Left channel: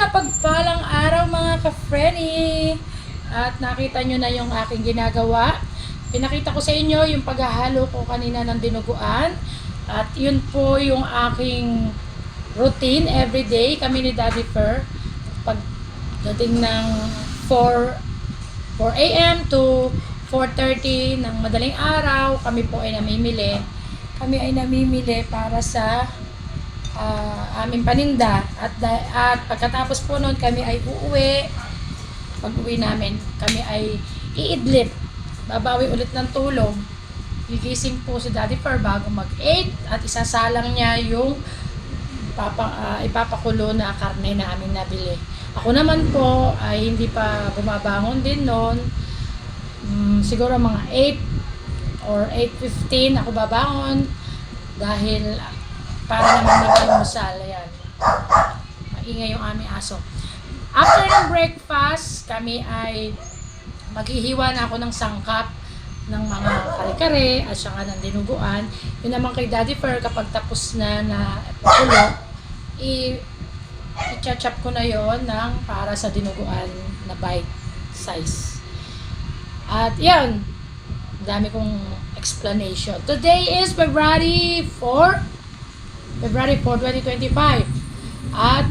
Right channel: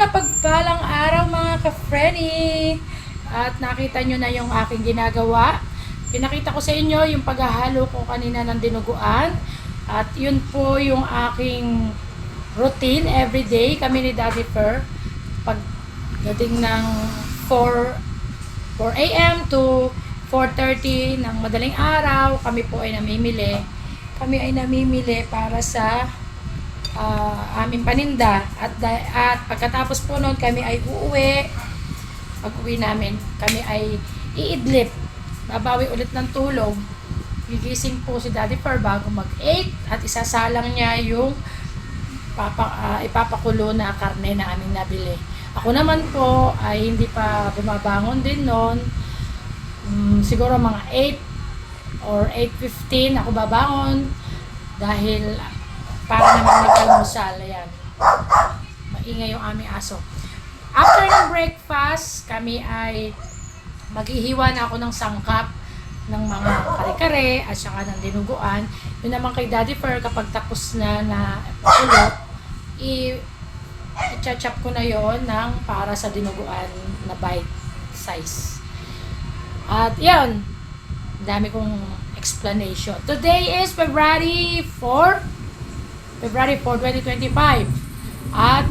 Mapagpalang araw mga ka-frenny! At nakita nyo na yung aking ginagawa. Pinakita ko sa inyo yung paghahalo ko kanina ng dinuguan. At yun po yung aking routine everyday. Kami ni Daddy Fer. Pagdating ng 4 a.m. to 4:30 ng madaling araw, kami po ay namimili. Kami ay namimili para sa aming paninda at pagkatapos po noon kami ay uuwi. Pag-uwi namin kami ay iidlip, babawi ulit ng tulog, gigising po si Daddy Fer bago mag 8 at isasalang niya yung ipapakulo na karne na aming nabili. Ako naman po ay hindi pa bumabangon din noon. Siguro mga 8 or 8:15 ako babangon dahil para naman mag-almusal. Ayan. Maingay yung aming aso. After ng breakfast, kami ay maghihiwa na ako ng sangkap ng mga kare-kare at saka ng dinuguan. Yun naman kay Daddy Fer, kapag tapos na pakulo, i-chop ko na yon ng para sa dinuguan na bite size. At yan, dami kong explanation. Today is February 4, 2025. At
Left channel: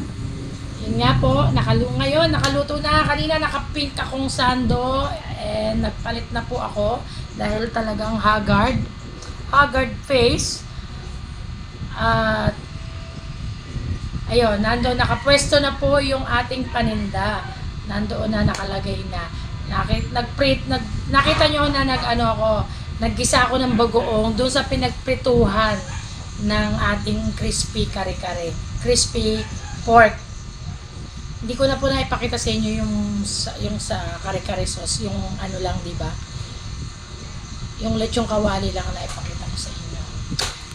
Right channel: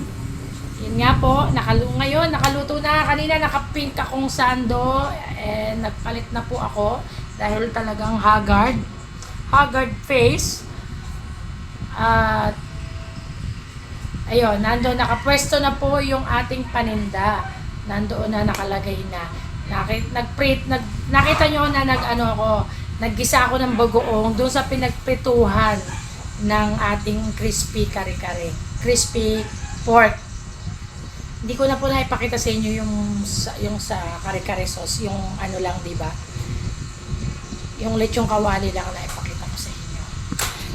yun nga po, nakaluto na. Kanina nakapink akong sando. Nagpalit na po ako dahil talagang haggard face. At ayun, nandoon nakapwesto na po yung ating paninda. Nandoon na nakalagay na. Nakita nyo na naggisa ako ng bagoong doon sa pinagprituhan ng ating crispy kare-kare, crispy pork. Hindi ko na po naipakita sa inyo yung sa kare-kare sauce, yung ano lang, di ba? Yung lechong kawali lang na ipakita ko sa inyo.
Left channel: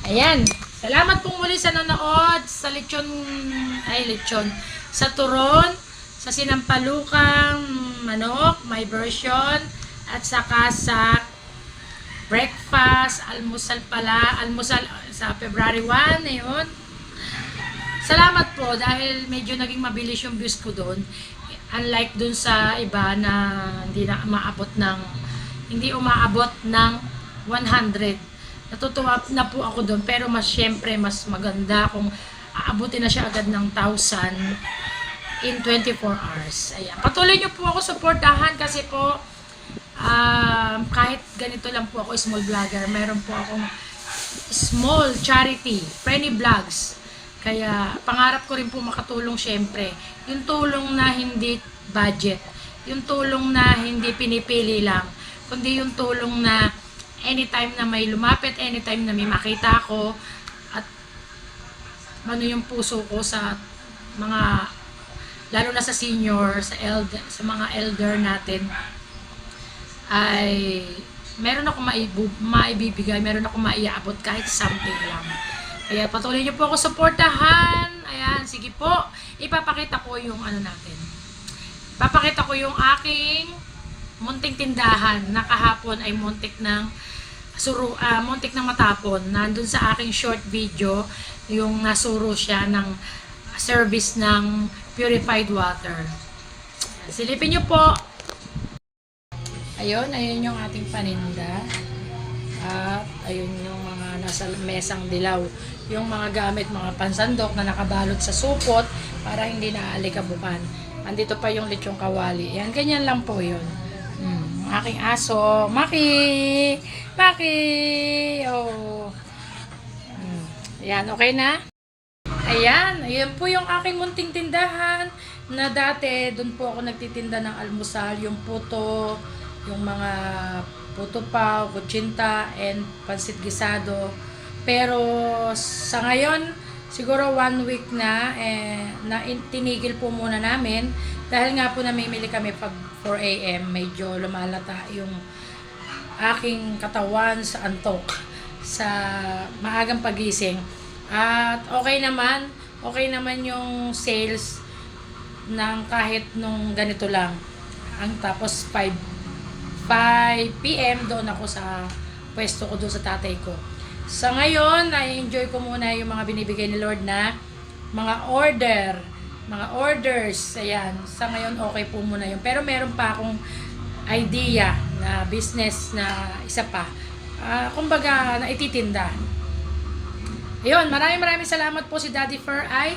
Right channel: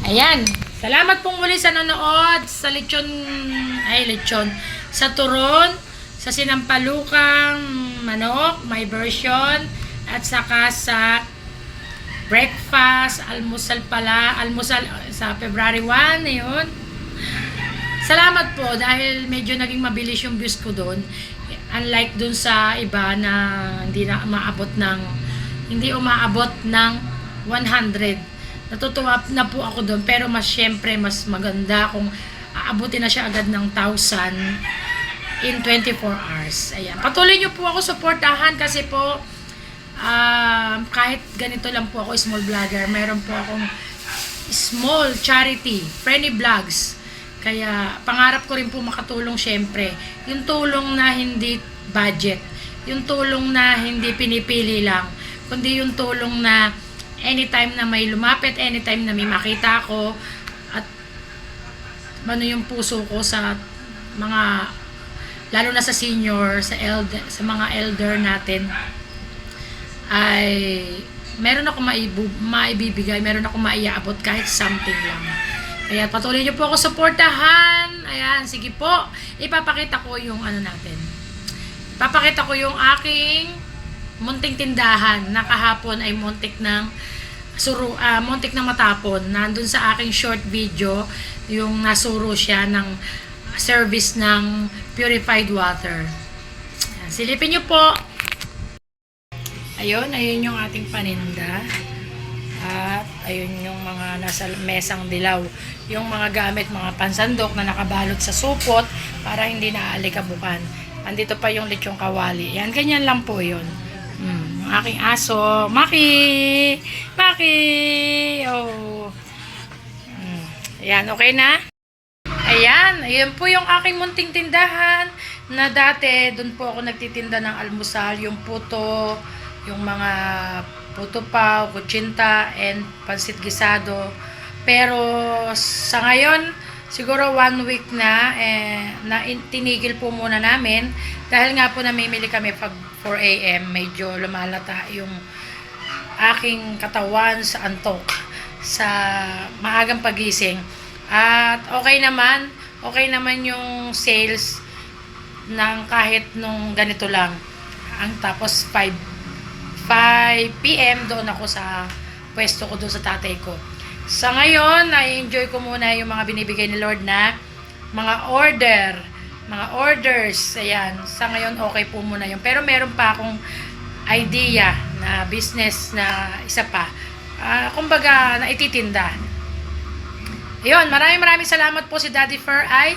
Ayan, salamat pong muli sa nanood sa lechon, sa turon, sa sinampalukang manok, my version, at saka sa breakfast, almusal sa February 1, ayun. Salamat po dahil medyo naging mabilis yung views ko doon. Unlike doon sa iba na hindi umaabot ng 100. Natutuwa na po ako doon, pero syempre mas maganda kung aabutin na siya agad ng 1,000 in 24 hours. Ayan. Patuloy niyo po ako suportahan kasi po kahit ganito lang po ako, small vlogger, meron po akong small charity, Frenny Vlogs. Kaya pangarap ko rin po makatulong syempre. Yung tulong na hindi budget, yung tulong na hindi pinipili lang, kundi yung tulong na anytime na may lumapit, anytime na may makita ko, at yung puso ko sa mga, lalo na sa senior, sa mga elder natin, ay meron ako maibibigay, meron ako maiaabot kahit something lang. Kaya patuloy niyo po ako suportahan. Ayan, sige po. Ipapakita ko yung Ipapakita ko yung aking munting tindahan na kahapon ay muntik ng matapon. Nandun sa aking short video yung nasuro siya ng service ng purified water. Ayan, silipin niyo po. Ayun yung ating paninda. At ayun yung mga nasa mesang dilaw. Yung mga gamit, mga pansandok na nakabalot sa supot para hindi naaalikabukan. Andito pa yung lechong kawali. Yan, ganyan lang po yun. Yung aking aso. Maki! Oh. Ayan, okay na? Ayan, ayun po yung aking munting tindahan na dati, doon po ako nagtitinda ng almusal, yung puto, yung mga puto pao, kutsinta, and pansit gisado. Pero sa ngayon, siguro 1 week na, tinigil po muna namin dahil nga po namimili kami pag 4 a.m. Medyo lumalata yung aking katawan sa antok, sa maagang pagising. At okay naman yung sales ng kahit nung ganito lang. Tapos 5 p.m. doon ako sa pwesto ko doon sa tatay ko. Sa ngayon, na-enjoy ko muna yung mga binibigay ni Lord na mga order mga orders. Ayan, sa ngayon okay po muna yun. Pero meron pa akong idea na business na isa pa. Kumbaga, na ititinda. Ayun, maraming salamat po si Daddy Fur ay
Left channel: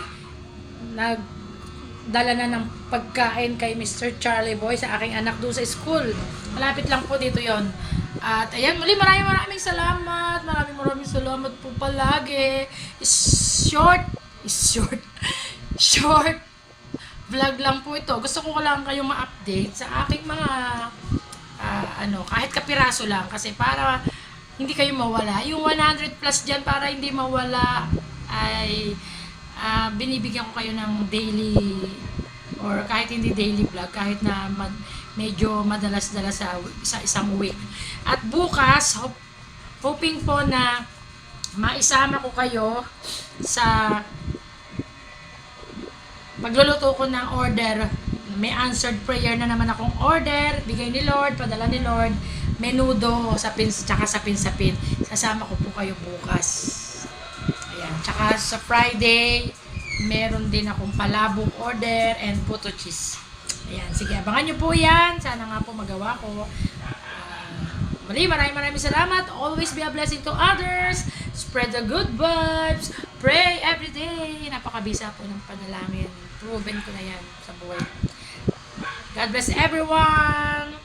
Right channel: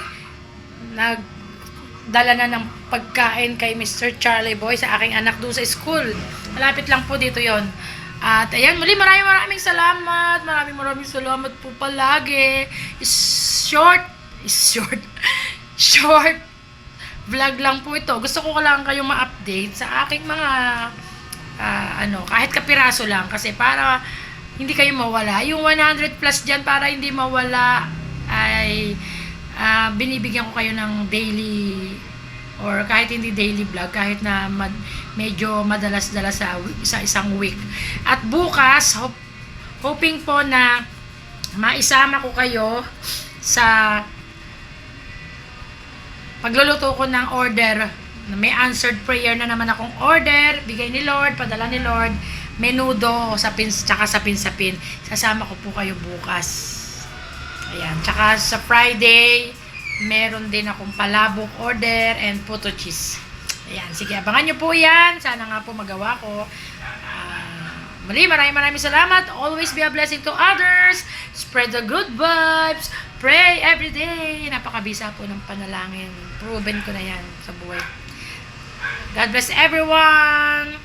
nagdala na ng pagkain kay Mr. Charlie Boy sa aking anak doon sa school. Malapit lang po dito yon. At ayan, muli maraming salamat. Maraming salamat po palagi. Short vlog lang po ito. Gusto ko lang kayong ma-update sa aking mga kahit kapiraso lang kasi para hindi kayo mawala. Yung 100 plus dyan para hindi mawala ay binibigyan ko kayo ng daily or kahit hindi daily vlog, kahit na medyo madalas-dalas sa isang week. At bukas, hoping po na maisama ko kayo sa pagluluto ko ng order. May answered prayer na naman akong order, bigay ni Lord, padala ni Lord, menudo, tsaka sapin-sapin. Sasama ko po kayo bukas. Ayan, tsaka sa Friday, meron din akong palabok order and puto cheese. Ayan, sige, abangan nyo po yan. Sana nga po magawa ko. Muli, maraming salamat. Always be a blessing to others. Spread the good vibes. Pray every day. Napakabisa po ng panalangin. Proven ko na yan sa buhay. God bless everyone.